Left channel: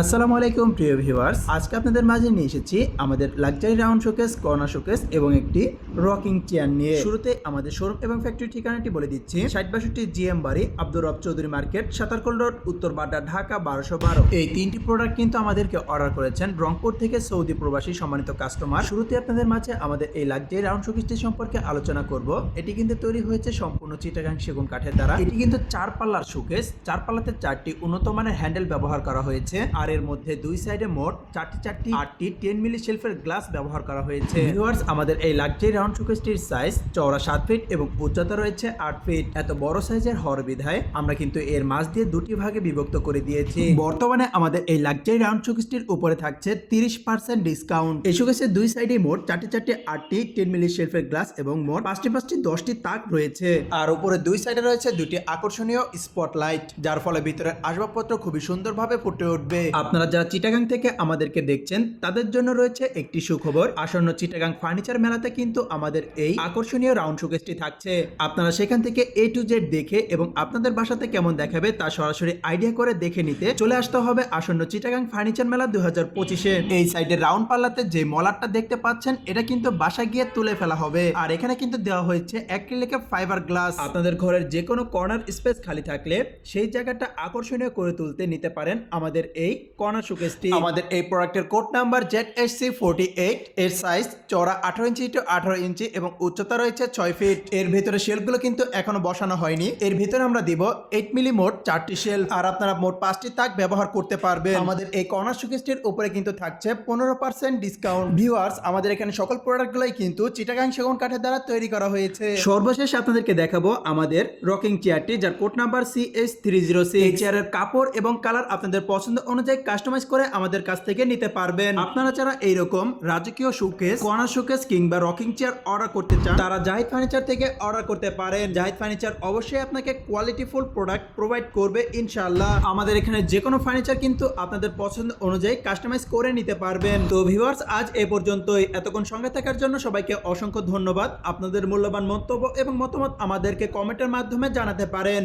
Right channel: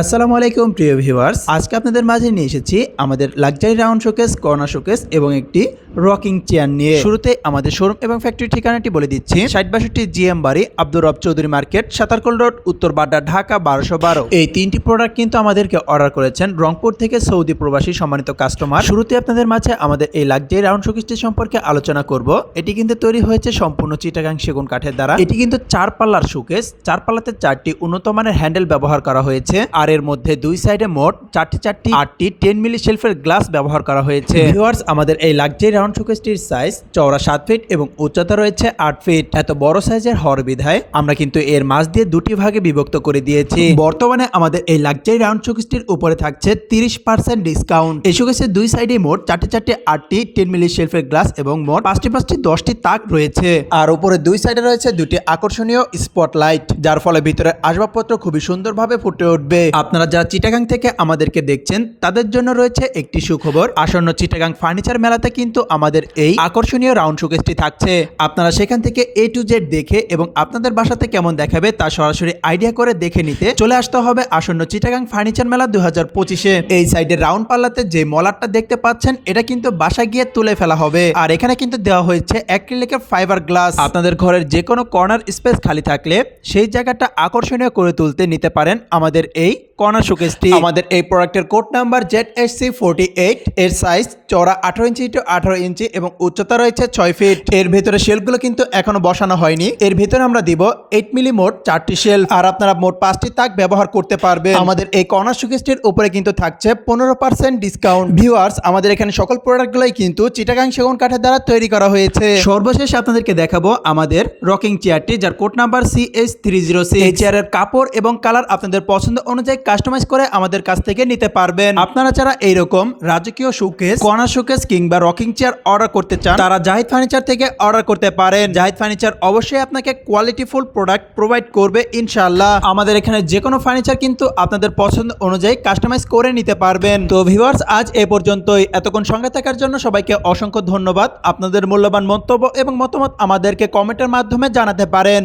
আসসালামু আলাইকুম, প্রিয় ভিউয়ার্স। আজকে আপনাদের মাঝে নিয়ে এসেছি আমাদের luxury round showcase, corner showcase এবং একটি রকিং চেয়ার নিয়ে শুরুতে আমাদের শোরুম এবং ফ্যাক্টরি ঠিকানাটি বলে দিচ্ছি। ষাট বাষট্টি জিএম বাড়ি আব্দুর রব চৌধুরী মার্কেট সাতারকোল রোড উত্তর বাড্ডা ঢাকা বারোশো বারো। এই তিনটি প্রোডাক্ট কিন্তু আমাদেরকে অর্ডার করেছেন রংপুর থেকে সৌদি প্রবাসী সম্মানিত কাস্টমার শুরুতে আপনাদের মাঝে আমাদের এই লাক্সারি রাউন্ড শোকেসটি সম্পর্কে আলোচনা করব। এটি কিন্তু তৈরি হয়েছে সম্পূর্ণ চিটাগাং সেগুন কাঠের দ্বারা। এটি কিন্তু চার পাল্লার শোকেস চার পাল্লাতে চারটি উন্নত মানের হ্যান্ডেল ব্যবহার করা হয়েছে। আর এর মধ্যে দুই সাইডে মোট চারটি চারটি আটটি টেন মিলি শেলফের গ্লাস ব্যবহার করা হয়েছে। ভিউয়ার্স আমাদের এই লাক্সারি রাউন্ড শোকেসটির সাইজ চওড়া সাত ফিট এবং উচ্চতা রয়েছে আট ফিট এত বড় সাইজের হওয়ার বিধায় আমরা কিন্তু এর মাঝ দিয়ে দুটি ভাগে বিভক্ত করে দিয়েছি। বর্তমানে আমাদের এই লাক্সারি রাউন্ড শোকেসটির উপরে থাকছে তিরিশ পার্সেন্ট ডিসকাউন্ট এই শোকেসের দুই সাইডে মোট চারটি চারটি, আটটি টেন মিলি শেলফের গ্লাস এবং মোট পাঁচটি পাঁচটি, দশটি তাক রয়েছে। আর উপরে দুই সাইডে রয়েছে দুটি আকর্ষণীয় স্পটলাইট যার ফলে ভিতরে আসবাবপত্র খুবই সুন্দরভাবে ফুটে উঠবে। আপনারা যারা চিটাগাং থেকে আমাদেরকে দেখছেন, তাদের জন্য রয়েছে একটি সুখবর। আসন্ন চিটাগাং ফার্নিচার মেলাতে কিন্তু আমাদের এই আকর্ষণীয় রাউন্ড শোকেসটি থাকছে। আপনারা সেখান থেকে এ টু জেড দেখে এবং আপনাদের বাসাতে কেমন দেখাবে তা সরাসরি আইডিয়া করে দেখে নিতে চলে আসতে হবে আসন্ন চিটাগাং ফার্নিচার মেলা দুই হাজার পঁচিশে। এই সাইডে রাউন্ড পাল্লাতে যে মলারটা দেখতে পাচ্ছেন, এটা কিন্তু বাসা গিয়ে তুলে ফেলা হবে। আর এখানে কিন্তু দেওয়া হয়েছে অ্যাক্রিলিকের ফাইবার গ্লাস আপনাদের ঘরের যে কোনো কর্নার স্পেস খালি থাকলে সেই জায়গাটা আকর্ষণীয় করে তুলতে নিতে পারেন আমাদের এই কর্নার শোকেসটি আমাদের এই প্রোডাক্টের code number Z S C forty eight এর সাইজ চড়া আঠারো ইঞ্চি টু আঠারো ইঞ্চি এবং উচ্চতা রয়েছে ছয় ফিট। এর ভেতরে শেলগুলো কিন্তু এখনও বসানো হয়নি। এর ভেতরে আমরা দিব এইট মিলি মোট চারটি শেল। আর আপনারা মোট পাঁচটি তাক ব্যবহার করতে পারবেন। আমাদের এই কর্নার শোকেসটির উপরে কিন্তু থাকছে পনেরো পার্সেন্ট ডিসকাউন্ট ভিউয়ার্স আমাদের এখানে সকল প্রোডাক্টগুলোই কিন্তু চিটাগাং সেগুন কাঠের দ্বারা তৈরি করা হয়েছে। সর্বশেষ আপনাদেরকে দেখাবো আমাদের রকিং চেয়ারটি যার code number C S three zero C এই চেয়ারের কাপড় এবং কালার আপনাদের পছন্দ অনুযায়ী কাস্টমাইজ করে আমাদের কাছ থেকে নিতে পারবেন। আপনারা যারা এইরকম রাজকীয় শোকেস কর্নার শোকেস কিংবা রকিং চেয়ার অর্ডার করতে চান, তারা জাহিদ ফার্নিচার থেকে অর্ডার করতে পারেন। জাহিদ ফার্নিচার অবশ্যই আপনাকে কোয়ালিটিফুল প্রোডাক্ট প্রোভাইড করবে, ইনশাআল্লাহ। আমাদের এখানে যে কোনো ফার্নিচার কিন্তু আপনাদের পছন্দ অনুযায়ী কাস্টমাইজ করে নিতে পারবেন। তো ভিউয়ার্স আজ এ পর্যন্তই। এতক্ষণ সঙ্গে থাকার জন্য সবাইকে অসংখ্য ধন্যবাদ। আপনাদের মূল্যবান মন্তব্য এবং মতামত আমাদেরকে কমেন্টের মাধ্যমে জানাতে পারেন।